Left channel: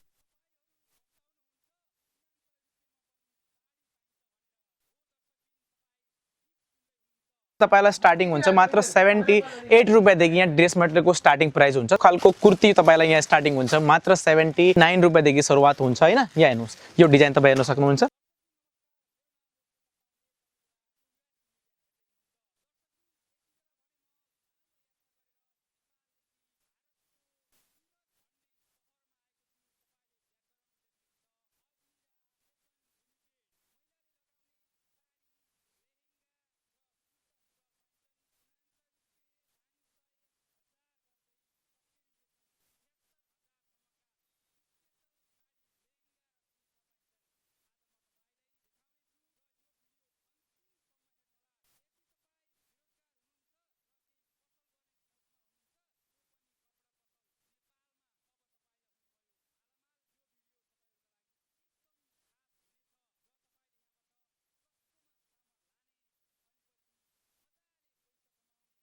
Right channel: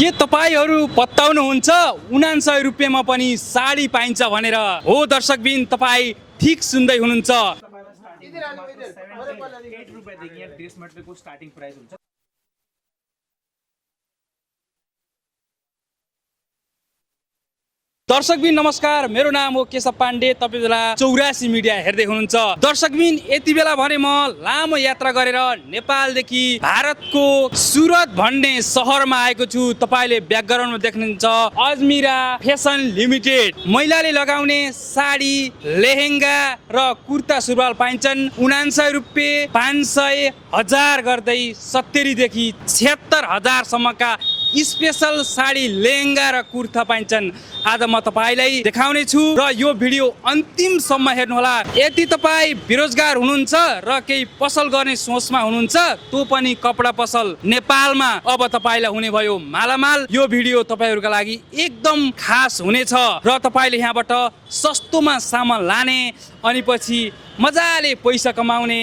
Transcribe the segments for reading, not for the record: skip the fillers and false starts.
के तपाईहरु पत्ताउनुहुन्छ 99 रुपैयाँमा पनि साडी पाइन्छ भनेर? हो दर्शकबिन, तपाई ठीक सुन्दै हुनुहुन्छ। तपाईलाई स्टार्टिङ हुन्छ मात्र 78 रुपैयाँदेखि यहाँ ड्रेस मटेरियलको स्टार्टिङ प्राइस हुन्छ। खालको कुर्ती तपाईलाई यहाँ स्टार्टिङ हुन्छ मात्र 79 रुपैयाँदेखि सुरुवात हुन्छ हैन। यहाँ हेर्नुस्, यो डिजाइन तपाई हेर्न सक्नुहुन्छ। दर्शकबिन नमस्कार, मेरो नाम हो केशव पाण्डे। तपाई बेला 84 मिडिया हेर्दै हुनुहुन्छ। दर्शकबिन, यति बेला भने म लामो यात्रा गरेर नेपालदेखि भारतको सुरत भन्ने शहरमा आएको छु। तपाईले ब्याकग्राउन्डमा देख्नुहुन्छ अजमिरा फेसन लिमिटेड। महिलाले लगाउने साडी, लेहेंगा र कुर्ता सुरुवाल पाइन्छन् 99 रुपैयाँ, 500, 1000 गर्दै 70 देखि 76,000 सम्मका स्पेशल साडी, लेहेंगा र कुर्ता पाइन्छन्। आज म तपाईलाई देखाउने छु र यो भिडियो अन्तिमसम्म हेर्नुहोला। यदि तपाई बेरोजगार हुनुहुन्छ र केही पसल गर्ने सोचमा हुनुहुन्छ, त्यो पनि कपडा पसल नेपालमा अब तपाईलाई हुने भयो मालामाल। यो भिडियो तपाईहरुका लागि एकदम खास हुनेछ र तपाईले यहाँबाट सस्तोमा सामान लाने अनि पछि मजाले पैसा कमाउने,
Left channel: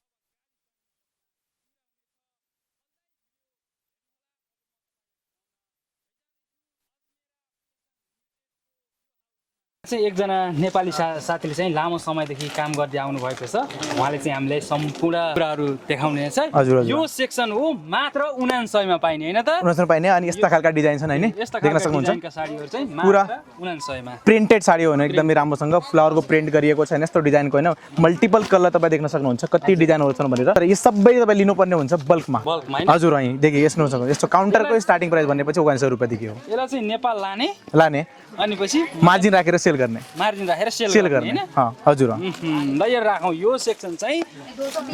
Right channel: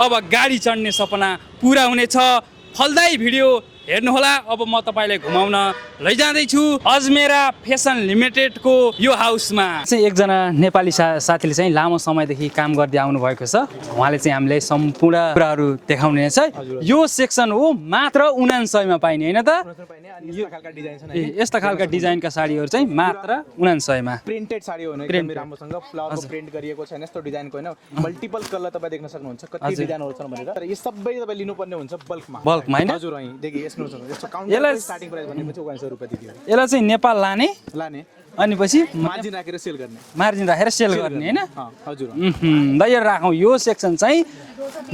अब गाडी चढ्ने सपना पूरा हुनेछ। फलदायी भिडियो हेर्नुहोला। अब म तपाईलाई घुमाउन लैजाँदैछु अजमेरा फेसन लिमिटेडको यो हाउसमा। चाहिँ एकजना नेपाली साथीले चाहिँ लामो समयदेखि काम गर्दै आउनु भएको छ। उहाँले चाहिँ हामीले सम्पूर्ण कुराहरू देखाउने छ। यो सेक्सन हो मात्र 99 मा पाइने हैन त? 99 पाइने। अनि यस्ता खालका डिजाइन छन् हैन। यस्ता खालका डिजाइनका साडीहरू चाहिँ मात्र 99 मा। प्रिन्टेड साडी हो हैन, एकदमै राम्रोसँग फ्लावरको प्रिन्ट गरिएको छ हैन। यस्तो डिजाइनको हैन, मल्टिपल कलर तपाई देख्न सक्नुहुन्छ कति डिजाइनहरू छन् भनेर। तर यो सबै तपाई लिनुपर्ने हुन्छ बल्कमा। बल्कमा हैन? हजुर, અહીં देखि यसमा सक्नुहुन्छ। यस्तो काउन्टरको स्टार्टिङ प्राइस भनेपछि 99 रुपैयाँ देखि हो। यसलाई चाहिँ नेपाल लाने अनि पछि मार्जिन राखेर सेल गर्ने। मार्जिन राखेर सेल गर्ने हैन? हजुर। दयर राखौँ। यो सेक्सन चाहिँ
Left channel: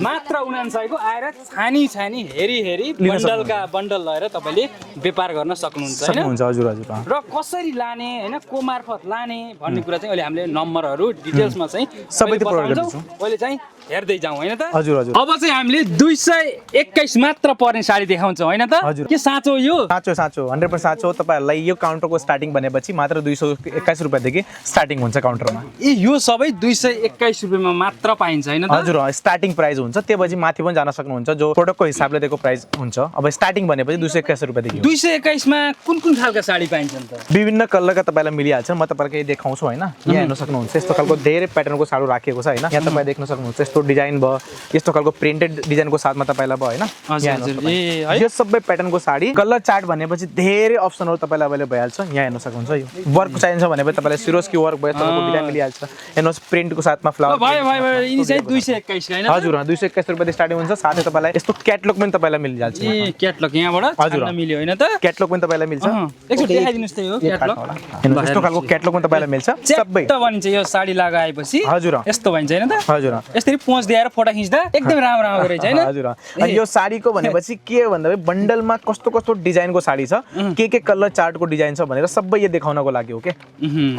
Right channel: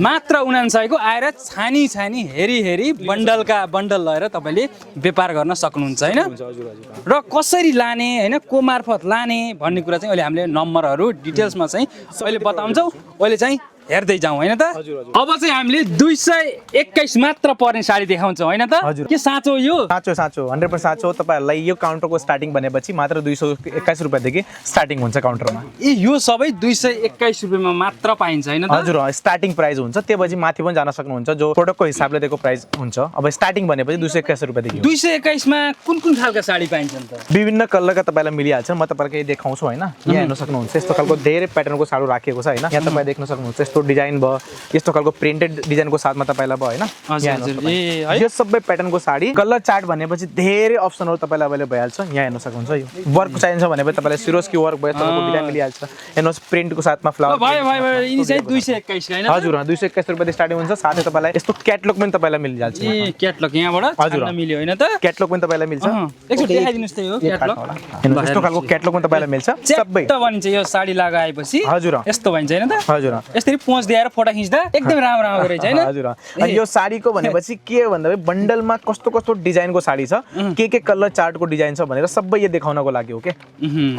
मात्र 99 को आएर छानी हेरी बन्डल लिएर तपाईले व्यापार गर्न सक्नुहुन्छ हैन? हजुर। र कसरी लाने हैन, को मार्फत लाने भन्ने कुरा चाहिँ अहिले हामीले नम्बरहरू डिटेल्समा चाहिँ सबै बताउँछौँ। अहिले चाहिँ हेर्दै जाउँ हैन त? हजुर। अब चाहिँ हामीले 221 मात्र पर्ने साडी देखाउँछौँ हैन त? के साँचो यो? साँचो 100% साँचो। तपाईहरुलाई यो काउन्टरको स्टार्टिङ भनेपछि मात्र 221 रुपैयाँदेखि स्टार्टिङ हुन्छ काउन्टरमा। यो सबै 221 रुपैयाँमा मात्र पाइन्छ हैन त? हजुर, स्टार्टिङ प्राइस हुन्छ। त्यसपछि माथि पनि जान सक्नुहुन्छ, जो प्रोडक्टको हिसाबले दिएको प्राइस हुन्छ। अब स्टार्टिङ भनेपछि 221 रुपैयाँदेखि। 221 मा कुन खालका साडी पाइन्छन् त? विभिन्न कलरका तपाईलाई मिलिहाल्छ। म तपाईलाई केही देखाउँछु हैन। यहाँ हेर्न सक्नुहुन्छ, यस्तो खालको धेरै प्याटर्नको साडी राखिएको छ हैन। यहाँ तपाई देख्न सक्नुहुन्छ यस्तो डिजाइन भयो, यस्तो खालको प्रिन्टेड डिजाइनको साथमा तपाईलाई भयो हैन। यो सबै प्याटर्नको साडी। कलर चार्ट भनेपछि धेरै अप्सनहरु तपाईलाई अवेलेबल भइहाल्छ। यहाँ हेर्न सक्नुहुन्छ, यो वर्क चाहिन्छ भनेपछि तपाईलाई सिरोस्की वर्क भयो, यस्तो डिजाइन मिलिहाल्छ। हेर्नुस्, प्रिन्टको साथमा फ्लावर भयो। यिनी चाहिँ 221 हैन? हजुर, 221 रुपैयाँदेखि स्टार्टिङ हुन्छ। साथै तपाईलाई यस्तो क्याटलग पनि तपाईलाई मिलिहाल्छ। क्याटलग यहाँबाट छान्न मिल्यो हैन त? क्याटलग पनि तपाईलाई मिल्छ। एकचोटि देखाइदिनुस् त यो क्याटलग। हेर्नुस्, यस्तो खालको क्याटलग पनि तपाईलाई मिल्छ। सबै त भनिन्छ यो साडी लगाएपछि। हजुर, यस्तो भन्छ हैन त? हजुर। यसरी पोज दिएर फोटो खिच्दा एकदम राम्रो रहेछ हैन? हजुर। अनि यो साडीको भनेपछि के हो भन्दा बन्डलमा कस्तो डिजाइनको साडी छ, के कलर चार्टको डिजाइन छ भनेर सबै यो देखाउनको लागि हो के।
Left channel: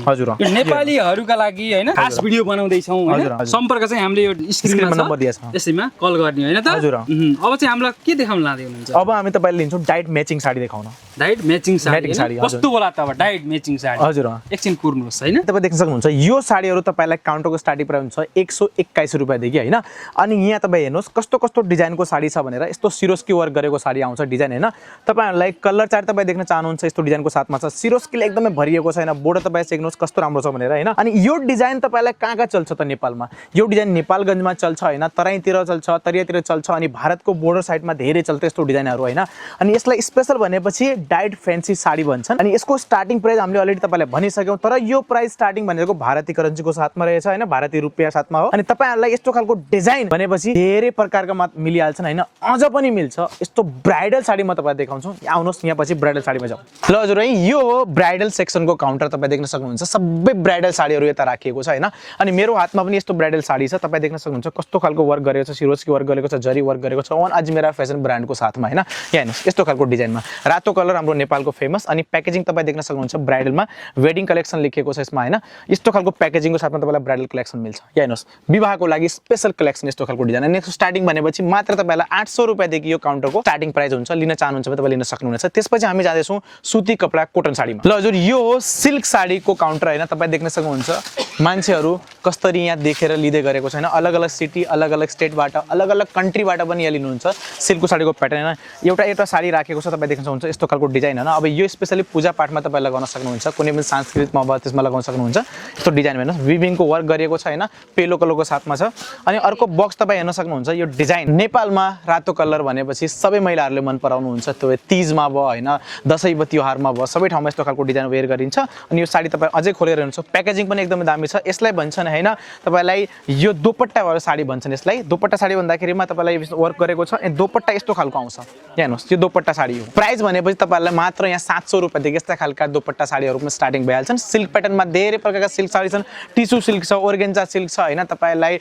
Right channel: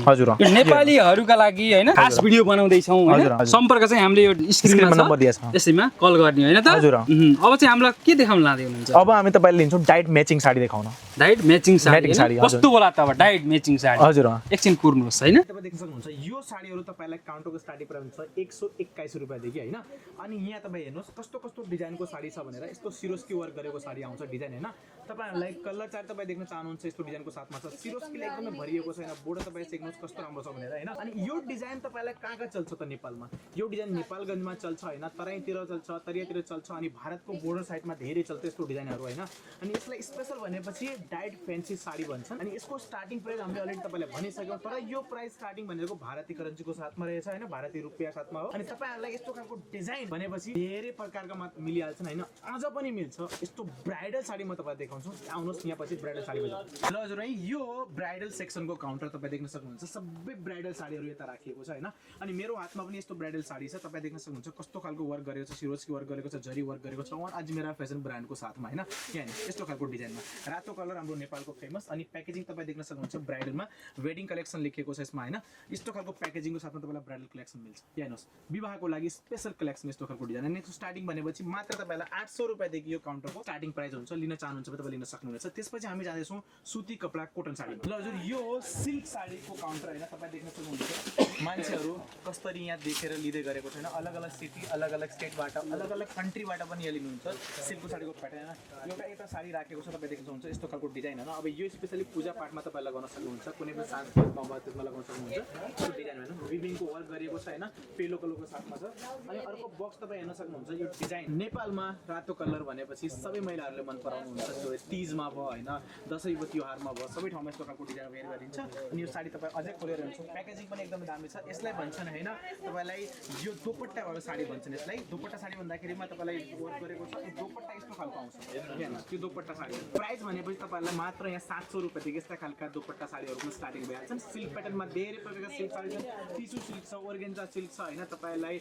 हजुर। यो नेपालीहरुका लागि हैन खास भिडियो बनाउँदै छौं हैन? सम्पर्क चाहिँ हामीले यो स्क्रिनमा नम्बर दिएको छ, यसैमा कल गर्ने हैन त? हजुर। अब चाहिँ हामीलाई के देखाउन लाँदै हुनुहुन्छ? अब हामी तपाईलाई लिन्छौँ डाइट म्याचिङ साडी देखाउन। डाइट म्याचिङ साडी कस्तो होला त? अब डाइट म्याचिङ साडी हजुर एकछिन कुर्नुस् हैन? तपाई देख्न सक्नुहुन्छ यो साडीहरु तपाईलाई काउन्टरको स्टार्टिङ प्राइस हुन्छ 121 रुपैयाँदेखि हैन। अनि यहाँ तपाई हेर्नुस् कस्तो डिजाइनको साडी छ भनेर। यस्तो सिरोस्की वर्क गरेको साडी आउँछ डिजाइन हैन। तपाईहरुलाई कलर चार्ट तपाई देख्न चाहनुहुन्छ, यस्तो डिजाइनको साथमा छ। सिरोस्कीले एकदमै भरिएको छ हैन। बोर्डर तपाई चेक्नुस् कस्तो राम्रो छ भनेर हैन। अनि यो डिजाइन तपाईलाई कहाँ चल्छ त नेपालमा? यो डिजाइन नेपालगञ्जमा चल्छ हैन, तराईतिर चल्छ, तरियातिर चल्छ, अनि भारतको बोर्डर साइडमा धेरै चल्छ यस्तो डिजाइनहरु हैन। अनि यसलाई स्पेशल भनेपछि डाइट फ्यान्सी साडी भन्छन्। अनि यसको स्टार्टिङ प्राइस हामीले अलरेडी तपाईलाई भनिसक्यौं, तर यो प्राइस स्टार्टिङ भनेको भारतीय करेन्सीको साथमा रहेछ हैन, भारतीय रुपैयाँ साथमा हो। अनि तपाईहरुलाई यस्तो खालको डिजाइन भनेपछि धेरै प्रकारका मिलिहाल्छन् हैन। अझ पनि मिल्छ। यस्तो ब्राइडल साडी म तपाईलाई देखाउँछु। आउनुस्, यहाँ पछि ब्राइडल साडीमा जाउँ। ल हजुर, यो हो ब्राइडल सेक्सनको काउन्टर। तपाई देख्न सक्नुहुन्छ सबै ब्राइडल साडीहरु यता राखिएको छ हैन। अनि मेरो हातमा पनि यस्तो ब्राइडल साडी छ। तपाई देख्न सक्नुहुन्छ कस्तो खालको वर्क गरेको छ, सिरोस्की वर्क गरेको छ, जरी वर्क गरेको छ, वन अजमेरा फेसन ब्रान्डको साथमा हैन। यहाँ हेर्नुस्, यस्तो खालको डिजाइनमा रातो कलर हाम्रो नेपालको फेमस। अनि प्याकेजिङ तपाई देख्न सक्नुहुन्छ ब्राइडलमा वेडिङ कलेक्सन लेखिएको छ यसमा हैन। यस्तो खालको प्याकेजिङको साथमा तपाईलाई ब्राइडल कलेक्सन मिल्छ। यहाँ हेर्नुस्, विवाहको लागि स्पेशल कलेक्सन यस्तो खालको डिजाइन। अनि स्टार्टिङ भनेपछि मात्र तपाईलाई 800 रुपैयाँदेखि यो काउन्टरको स्टार्टिङ प्राइस हुन्छ। लिन चाहनुहुन्छ भने तपाईले लिन सक्नुहुनेछ। त्यसपछि हामी जाँदै छौं सुती कपडा कोटन साडीमा। ल हजुर, यो हो सिल्क साडीको काउन्टर हैन। तपाई देख्न सक्नुहुन्छ मान्छेहरु कसरी यहाँ देखेर लिदै गरेको छ हैन। अलग अलग सिटी, अलग अलग स्टेट स्टेटबाट अलग अलग कन्ट्रीबाट पनि यहाँ लिनुहुन्छ सिल्कको साडीको प्याटर्न होइन एउटा साडी राखेको छ तपाईँ देख्न सक्नुहुन्छ यस्तो खालको डिजाइन होइन अब यो स्पेसली पूजापाठमा तपाईँ लगाउन सक्नुहुन्छ कुनै पनि सांस्कृतिकमा भयो त्यसमा लगाउन सक्नुहुन्छ यस्तो डिजाइन हेर्नुहोस् विभिङको वर्क गरिएको छ होइन पेलो कलरको साथमा छ अनि अर्को बक्स तपाईँ हेर्न सक्नुहुन्छ यो डिजाइन नेपालमा रातो कलर भनेपछि सबै महिलाहरूले मन पराउनुहुन्छ त्यो तीजमा भयो होइन दसैँ तिहारमा भयो सबै ठाउँमा यस्तो खालको डिजाइन वेयर गरिन्छ अनि यो साडी तपाईँ अझै खोलेर हेर्नुहुन्छ प्याकेजिङ पनि एकदमै दामी छ यसलाई भन्छन् होइन तपाईँलाई यो दोपट्टा वाला साडी भन्छन् यसलाई दोपट्टा साडी भन्दाखेरिमा तपाईँलाई वर्क गरेको छ अनि दोपट्टा यस्तो खालको आउँछ यहाँ हेर्नुहोस् यो दोपट्टा साडी हो प्राइस भनेपछि तपाईँहरूलाई मात्र यहाँ 700 रुपियाँदेखि यस्ता खालका दोपट्टा साडीहरूमा स्टार्टिङ भइहाल्छन् सिल्क प्याटर्नमा धेरै प्रकारका सिल्क साडी छन् टिसु सिल्क छ ओर्गेन्जा सिल्क छ होइन तपाईँलाई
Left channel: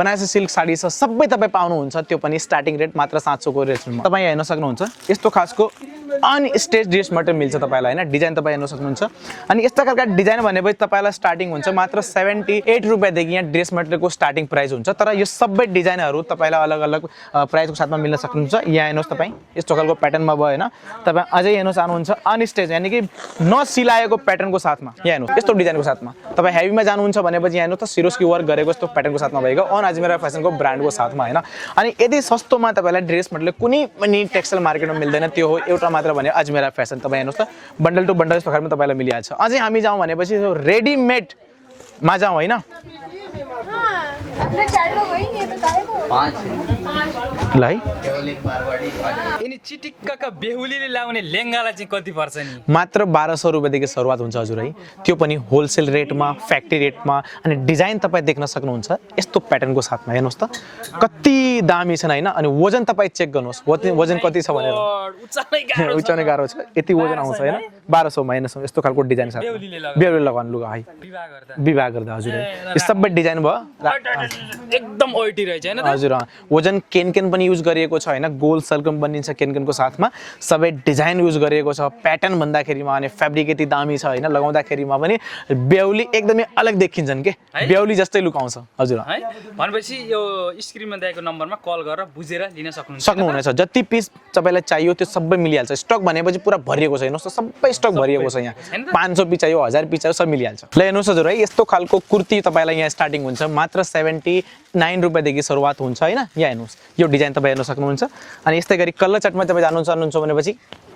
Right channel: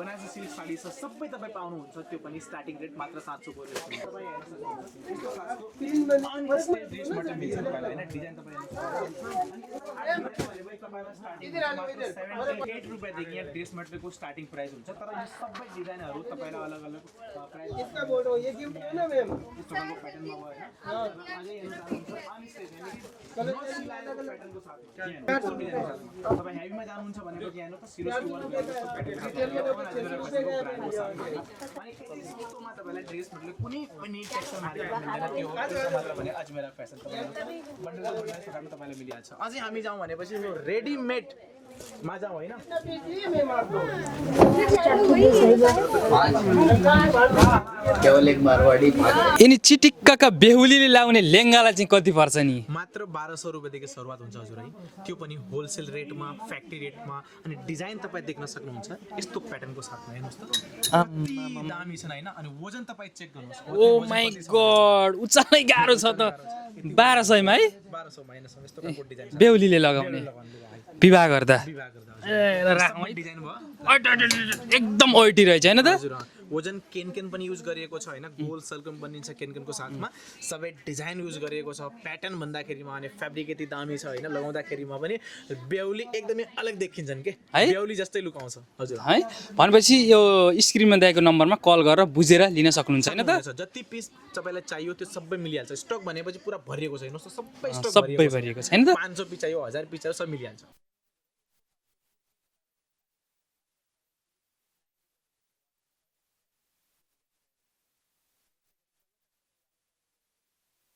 बनारसी सिल्क साडी छ सबै तपाईँ पाउनुहुन्छ त्यो पनि स्टार्टिङ रेट मात्र 700 को रेटमा तपाईँ हेर्न सक्नुहुन्छ यस्तो खासको अनस्टेज ड्रेस मटेरियल मिल्छ तपाईँलाई होइन डिजाइन तपाईँ हेर्न सक्नुहुन्छ अनि यस्ता खालका डिजाइन भनेपछि तपाईँलाई स्टार्टिङ हुन्छ मात्र 78 रुपियाँदेखि यहाँ ड्रेस मटेरियलको स्टार्टिङ प्राइस हुन्छ तर यो सबै डिजाइनहरू तपाईँलाई अलग अलग प्राइसको साथमा मिल्न सक्नुहुन्छ यहाँ हेर्नुहोस् तपाईँ यस्तो खालको प्याटर्नमा भयो होइन तपाईँ अझै हेर्नु चाहनुहुन्छ अनस्टेज यानि कि नसिलाएको प्याटर्नको साथमा यहाँ हेर्नुहोस् यस्तो डिजाइनको साथमा तपाईँ हेभीमा जानुहुन्छ भनेपछि यहाँ हेर्नुहोस् त सिरोस्की वर्क गरेको यस्तो प्याटर्नको साथमा भएको अन अजमेरा फेसनको ब्रान्डको साथमा होइन अनि यदि सस्तोमा तपाईँलाई ड्रेस मटेरियल कुनै पनि टेक्सटाइल मार्केटमा मिल्दैन त्यो हो एउटा मात्र भने अजमेरा फेसन तपाईँ हेर्नुहोस् त बन्डल टु बन्डल यस्तो खालमा तपाईँलाई मिलिहाल्छ अझै हामी जाउँ भनेपछि रेडिमेडमा जाउँ होइन यिनी चिटिक्काका बेहुलीले लाउने लेङ्गालाई चाहिँ कति पर्छ नि मात्र 1200 रुपियाँदेखि सुरुवात हुन्छ हजुर है त्यो पनि होलसेल रेटमा फ्याक्ट्री रेटमा अनि डिजाइन तपाईँ देख्न सक्नुहुन्छ यस्तो प्याटर्नको साथमा हेर्नुहोस् त कति दामी छन् होइन अनि वजन तपाईँ चेक गर्नुहोस् वजन कति छ भनेर उचाल्नै गाह्रो छ यति वजन 1200 मा हेर्नुहोस् यस्तो खालको डिजाइन छ बेहुलीले लगाउनु लुगा है विवाह गर्दा हजुर यो सबै डिजाइन भयो एकदम ओइटी रहेछ हैन त हजुर वजन केन पनि युज गरिएको छ हैन गोल सल्कम बनिन्छ केनको साथमा सबै डिजाइन युज गरिएको छ प्याटर्न भन्दाखेरिमा अनि फ्याब्रिक यति दामी छ हैन लगाउँदाखेरिमा पनि बेहुली एकदमै अलग देखिन्छन् के बेहुली जस्तै लुक आउँछ हजुर है भनेपछि यो स्क्रिनमा दिएको नम्बरमा कल गरेर बुझेर लिन सक्नुहुनेछ जति पिस तपाईलाई चाहियो त्यो सबै मिलिहाल्छ स्टक भनेपछि पुरा भरिएको छ हेर्नुस् सबै स्टक भरिएको छ यहाँ 500 पिस चाहियो 1000 पिस चाहियो सब मिलिहाल्छ ल हेर्नुस् हजुर है यस्तो खालको कुर्ती तपाईलाई यहाँ स्टार्टिङ हुन्छ मात्र 79 रुपियाँदेखि सुरुवात हुन्छ हैन यहाँ हेर्नुस् यो डिजाइन तपाईँ हेर्न सक्नुहुन्छ अनि यस्तै गरी कलर चार्टमा तपाईँ जानु चाहनुहुन्छ भनेपछि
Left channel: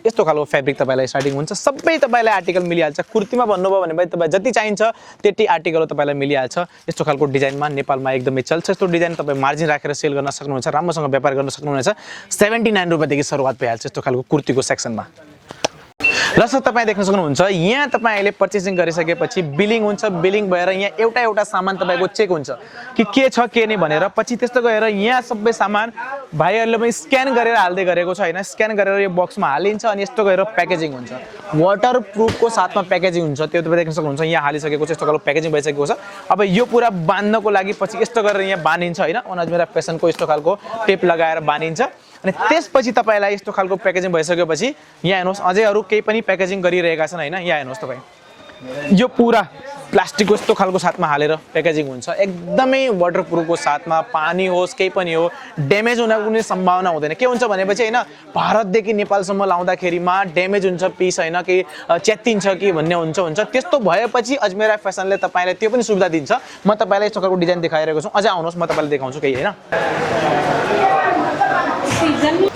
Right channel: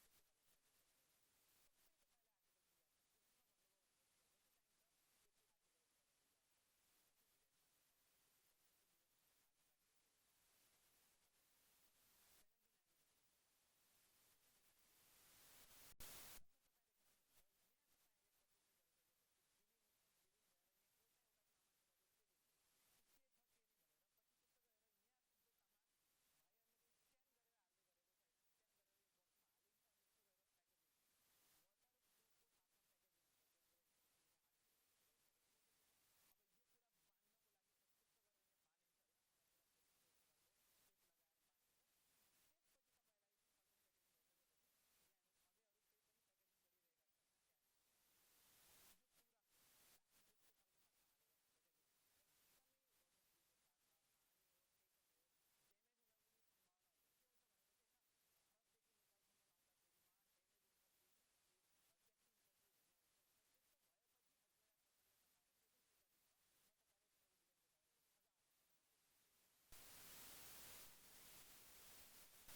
यस्तो खालको फ्याब्रिक तपाईलाई स्टार्टिङ हुन्छ सबै तपाईलाई आर्टिकल मिलिहाल्छ कुर्तीमा भन्नुभयो भने तपाईँ जति चाहिन्छ त्यति आर्टिकल तपाईलाई मिलिहाल्छ यस्तो खालको डिजाइनमा नेपालमा एकदमै चल्छ यस्तो डिजाइन तपाईँ मार्जिन राखेर सेल गर्न सक्नुहुन्छ राम्रोसँग व्यापार गर्न सक्नुहुनेछ 79 रुपियाँदेखि सुरुवात भइहाल्छ यस्तो खालको कुर्तीको सेक्सनमा ल सर तपाईँ देख्न सक्नुहुन्छ यहाँ तपाईँ अहिले पर्चेसिङ गरिसकेपछि बिलिङ हुन्छ बिलिङ भएर यहाँ एउटा सामान तपाईँको चेक हुन्छ कि के छ के नै भनेर पछि त्यस्तो गएर यहाँ सबै सामान भाइहरूले पनि स्क्यान गरेर हाल्दै गरेको छ हैन स्क्यान गरेर यो बक्समा हालिन्छ अनि यस्तो गरेर प्याकेजिङ हुन्छ वाटर प्रुफको साथमा प्याकेजिङ हुन्छ त्यो तपाईँ देख्न सक्नुहुन्छ यहाँ हालिसकेको छ यस्तो खालको प्याकेजिङ भइसकेको छ अब यो पुरा बाँध्नको लागि पछि यस्तो गरेर यहाँ बाँधिन्छ हैन अनजमेरा फेसनको यस्तो खालको टेप लगाएर बाँधिन्छ अनि त्यसपछि तपाईलाई यस्तो खालको प्याकेजिङ भइसकेपछि यहाँ हेर्नुहोस् अझै अरू केही पनि प्याकेजिङ गरिरहेका छन् हैन यहाँ हेर्नुहोस् तपाईँ यो पुरा प्लास्टिकको यस्तो खालको साथमा हालेर प्याकेजिङ हुन्छ एकदमै वाटरप्रुफको साथमा पानी होस् केही पनि हो ड्यामेज हुन कुनै सम्भावना हुँदैन के हुन्छ भनेपछि हैन भारतदेखि नेपालसम्म लाउँदाखेरिमा ड्यामेज हुन्छ पिस हैन कि च्यात्तिन्छ कि भन्ने हुन्छ त्यस्तो भएपछि अजमेरा फेसनले तपाईलाई त्यो पनि सुविधा दिन्छ म तपाईलाई यस्तो खालको डिजाइन देखाइरहेको छु अझै आउनुहोस् म तपाईलाई देखाउँछु केही हैन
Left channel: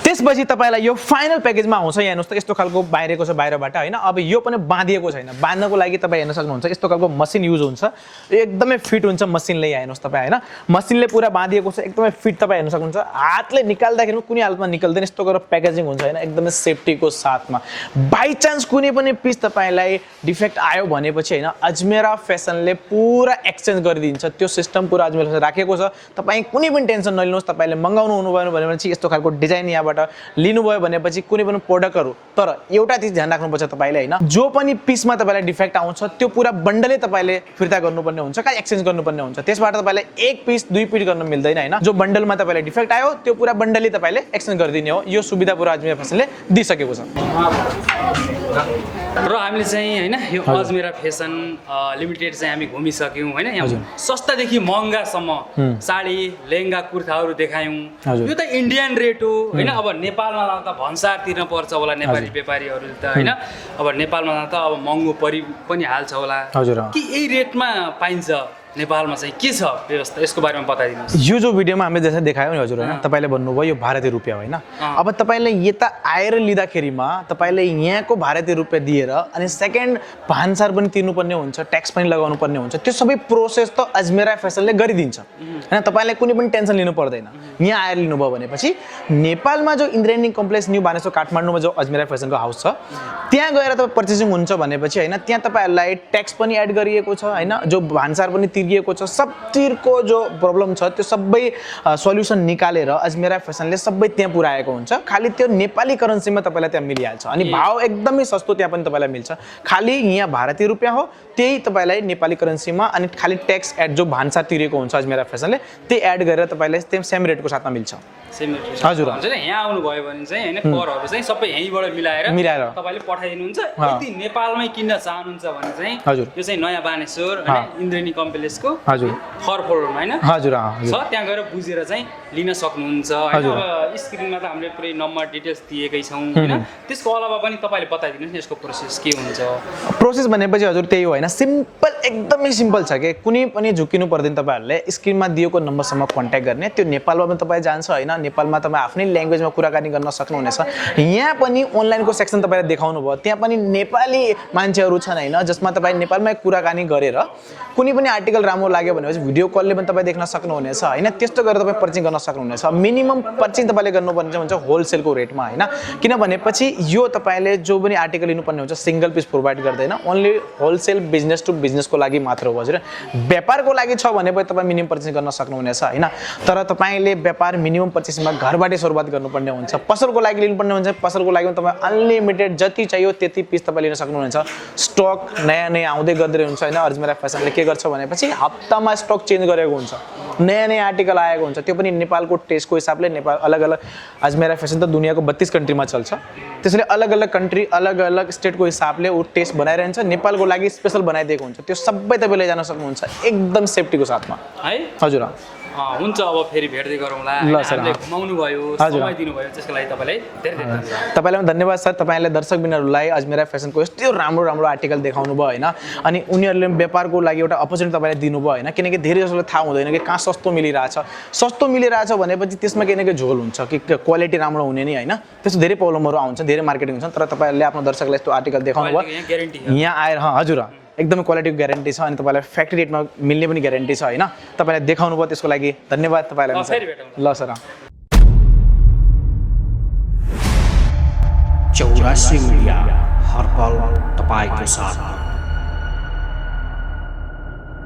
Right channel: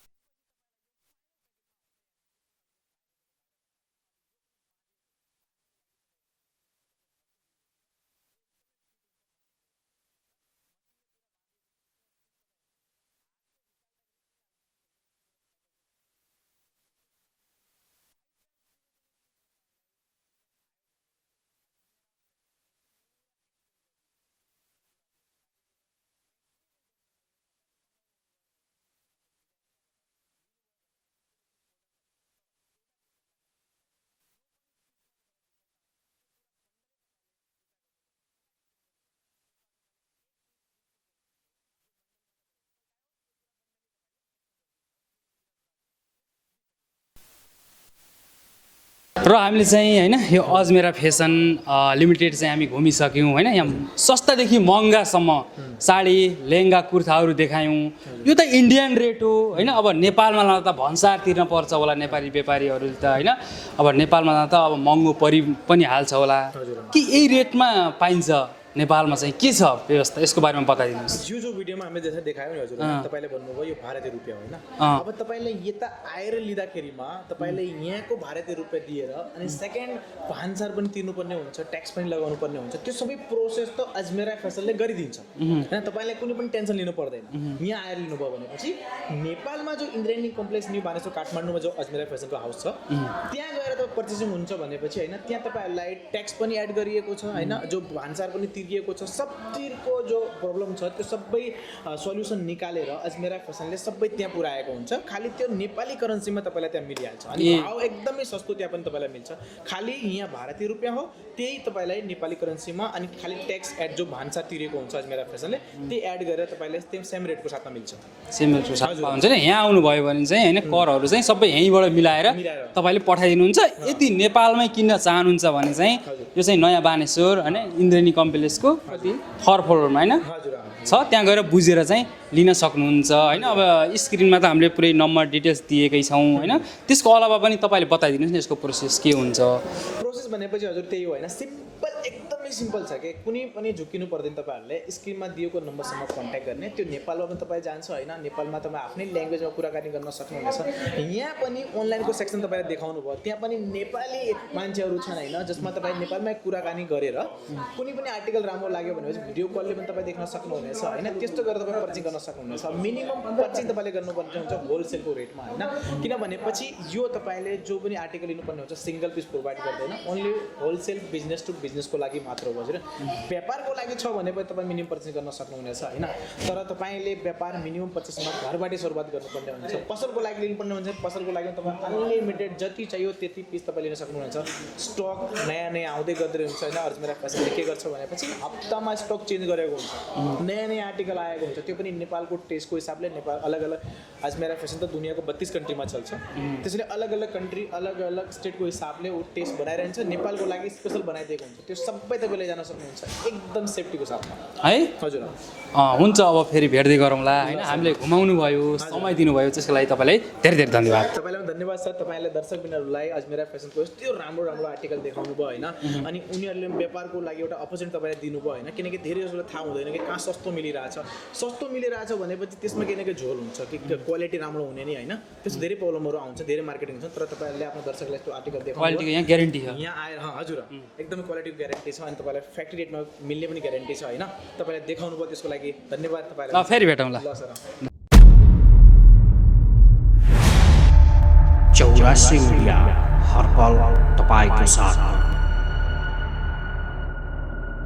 त्यसपछि तपाईलाई यो फाइनल प्याकेजमा आउँछ यहाँ हेर्नुहोस् त यस्तो खालको बाहिरको छ बाहिरबाट हैन अब यो पनि बाँधिएको छैन बाँध्नको लागि तपाईँ हेर्न सक्नुहुन्छ यस्तो खालको मसिन युज हुन्छ एकदमै फिट हुन्छ मसिनले यहाँ हेर्नुहोस् तपाईँ हैन मसिनले पुरा बाँधिएको छ एकदमै फिट तपाईँ हेर्न सक्नुहुन्छ हातले निकाल्दाखेरि कुनै हालतमा निकल्दैन यस्तो गरेर प्याकेजिङ हुन्छ हैन एकदमै सेफ्टीको साथमा बाइ चान्स कुनै पनि पिस तपाईलाई डिफेक्ट आयो भनेपछि हैन अजमेरा फेसनले पुरा एक्सचेन्ज गरिदिन्छ त्यो सिस्टम पुरा अजमेरा राखेको छ तपाईँ कुनै पनि टेन्सन नलिनुहोस् तपाईले मगाउनु हुनुभयो भनेपछि यस्तो खालको डिजाइन यहाँबाट लिनुभयो भनेपछि कुनै पनि प्रोडक्टहरु तर एउटा चीज ध्यान राख्नुपर्छ तपाईले हैन जो पनि पिसमा तपाईलाई डिफेक्ट आउँछ त्यो पुरा बन्डलै तपाईले फिर्ता गर्नुपर्ने हुन्छ का एक्सचेन्ज गर्नुपर्ने हुन्छ त्यसबाट तपाईले एक पिस दुई पिस गर्न मिल्दैन हैन जो बन्डलमा तपाईलाई डिफेक्ट आयो त्यो पुरा बन्डलै तपाईले एक्सचेन्ज गरिदिने हो यो सुविधा पुरा अजमेरा फेसनले दिइसकेको छ र हामीले चाहिँ हैन यो अजमेरा फेसन लिमिटेड चाहिँ हामी घुमिसक्यौं हैन यहाँ सस्तादेखि महँगासम्म साडी लेहेंगा कुर्ताहरू देखायौं यो त इन्डियन रेट हो हैन अब नेपालमा लाउँदा भन्सार तिर्न पर्छ होला नेपाली व्यापारीहरू त हैन अब नेपालमा लाउँदा अब महँगो परि पनि हाल्छ होला हजुर कि यही रेटमा पाइन्छ नेपालमा चाहिँ के छ व्यवस्था यसको बारेमा बताइदिनुहोस्। यो जो भिडियोमा हामीले जसरी देखायो नि हजुर होइन, तपाईँले भन्नुभयो यो भारतीय रुपियाँ होइन। अब तपाईँले यता आएर लिँदाखेरिमा तपाईँले यहाँको भारतीय रुपियाँ दिएर अनि सेकेन्ड भान्सार पनि तिर्नुपर्ने हुन्छ, ट्याक्स पनि लगाउनु पर्ने हुन्छ। त्यो सबै प्रोसेस त अजमेरा फेसनले गरिदिन्छ होइन, तपाईँलाई कुनै पनि टेन्सन लिनु पर्दैन। यहाँ आएर लिनुभयो भनेपछि नेपालमा जो इन्द्रेणी कम्प्लेक्स न्यू बानेश्वर काठमाडौँमा जो अजमेरा फेसनको हाउस छ त्यहाँ गएर तपाईँ पर्चेसिङ हुन्छ भनेपछि होइन, त्यहाँ तपाईँहरूलाई ट्याक्स पनि एड गरिएको छ होइन, जो भान्सार पनि तिरिएको छ, सबतिरको जो प्रब्लम छ त्यो सबै सल्युसन निकालेर अजमेरा फेसनले सबै त्यहाँ पुऱ्याएको हुन्छ। खालि त्यो नेपाली करेन्सीमा तपाईँलाई त्यहाँ मिलिहाल्छ अनि भाउ एकदमै सस्तो त्यहाँ पनि तपाईँलाई मिल्छ। खालि यहाँ भारतीय रुपियाँ हो त्यही तपाईँलाई नेपाली करेन्सीमा अनि खालि ट्याक्स एड जो भान्सार तिरेको हुन्छ अजमेरा फेसनले त्यही एड गरेर तपाईँलाई त्यो सेम रेटको साथमा मिल्छ। सेम रेटको हजुर हुन्छ नि। यहाँ आउनुभयो भने चाहिँ होइन करहरू चाहिँ सबै यहीँबाट मिलाएर तपाईँले पठाइदिनुहुन्छ। यदि नेपालमै किन्न चाहनुहुन्छ भने चाहिँ हजुर यो चाहिँ नयाँ बानेश्वर होइन इन्द्रेणी कम्प्लेक्सको हजुर थर्ड फ्लोरमा होइन हजुर छ, त्यहाँ गएर बुझेर चाहिँ लिन सक्नुहुन्छ होइन। अब स्क्रिनमा त हामीले पुरै नम्बर डिटेल्स दिएकै छौँ होइन, त्यसको अलावा पनि तपाईँले बताइदिनुहोस् न यसको प्रोसेस के हुन्छ। प्रोसेस भनेपछि हजुर त्यही हो होइन, सिम्पल एकदमै सिम्पल छ कि कुनै पनि झुकिनु पर्दैन। तपाईँहरूले स्क्रिनमा दिएको नम्बरसम्म कन्ट्याक्ट गर्ने, त्यो नेपालमा पनि तपाईँ जान्छ होइन, नेपालमा तपाईँ आफ्नै ल्याङ्ग्वेजमा कुराकानी गर्न सक्नुहुनेछ। यहाँ पनि अनलाइनको सेक्सन तपाईँले देखाउनु भयो, त्यहाँ पनि नेपाली मान्छेहरू छन् होइन, जसमा तपाईँ नेपालमै कुराकानी गरेर कुनै पनि आर्टिकल राम्रो लाग्यो भनेपछि भिडियो कलले पनि तपाईँ देख्न सक्नुहुनेछ होइन। त्यस्तो गरेर तपाईँ पर्चेङ गर्न सक्नुहुनेछ। मिनिमम पर्चेङ तपाईँले गर्नुपर्ने हुन्छ होलसेलको रेटमा होइन, किनभनेपछि यो तपाईँले जो पनि आर्टिकल लिनुपर्ने हुन्छ सिङ्गल पिस प्रोभाइड गर्दैन, ओन्ली होलसेल बिजनेस टु बिजनेसको लागि मात्र हो हजुर। व्यापारको लागि छ भने पनि तपाईँ मिनिमम पर्चेस गर्न सक्नुहुनेछ होइन, तर तपाईँले व्यापार मिनिमम पर्चेसमा घरबाटै सुरुवात गर्नुपर्ने हुन्छ। पसलको लागि लिनुपर्ने हुन्छ, पसलको लागि पनि तपाईँ अनलिमिटेड जति चाहियो त्यति पिस तपाईँ लिन सक्नुहुनेछ। स्टक नयाँ नयाँ आउँदै गर्दै हुन्छ होइन। अजमेरा फेसनले के गर्छ भनेपछि हप्तामा स्टक चेन्ज गरेको हुन्छ, नयाँ नयाँ आर्टिकल आएको हुन्छ, त्यो पनि नेपालको टेस्टको हिसाबले। नेपाल अलग अलग अजमेरा फेसन त दुनियाँको 32 कन्ट्रीमा चल्छ, त्यसैले अलग अलग कन्ट्री अलग अलग स्टेटको हिसाबले ऊ टेस्ट बनाइरहन्छ। नेपालको लागि स्पेसल बनाइदिएको हुन्छ, त्यो सबै तपाईँ लैजान सक्नुहुन्छ एकदम सेफ्टीको साथमा है हजुर। हुन्छ अब फेरि भेट्दै गरौँला। हामीले घुमाउनु भयो, समय दिनुभयो, त्यसको लागि तपाईँलाई धेरै धेरै धन्यवाद। तपाईँलाई पनि धन्यवाद सर, तपाईँले दर्शकबिनहरूलाई अजमेरा फेसनको यस्तो राम्रो राम्रो आर्टिकल देखाउनु भयो होइन, अनि उनीहरूले व्यापारको लागि एउटा अपर्च्युनिटी तपाईँले दिनुभयो होइन, किनकि धेरै जसोलाई थाहा हुँदैन कि कहाँ सस्तो मिलिरहेछ। सस्तो मिलिरहेछ भनेपछि त्यसमा केही न केही झोल हुन्छ कि क्वालिटी राम्रो हुने नि होइन, त्यस्तो धेरै प्रब्लमहरू आउँछ, धेरै मार्केटिङ हुन्छ। तर तपाईँहरूले आफ्नो दर्शकलाई यस्तो आर्टिकल देखाउनु भयो, यहाँ आएर हजुर एकदमै क्वालिटीको ग्यारेन्टी छ अनि तपाईँलाई फ्याक्ट्री रेटमा मिल्ने पनि ग्यारेन्टी छ होइन। तपाईँलाई देखाउनु भयो त्यसको लागि धन्यवाद तपाईँलाई। फेरि भेटौँला। ल सर। 84 मिडिया हर पल तपाईँको साथ।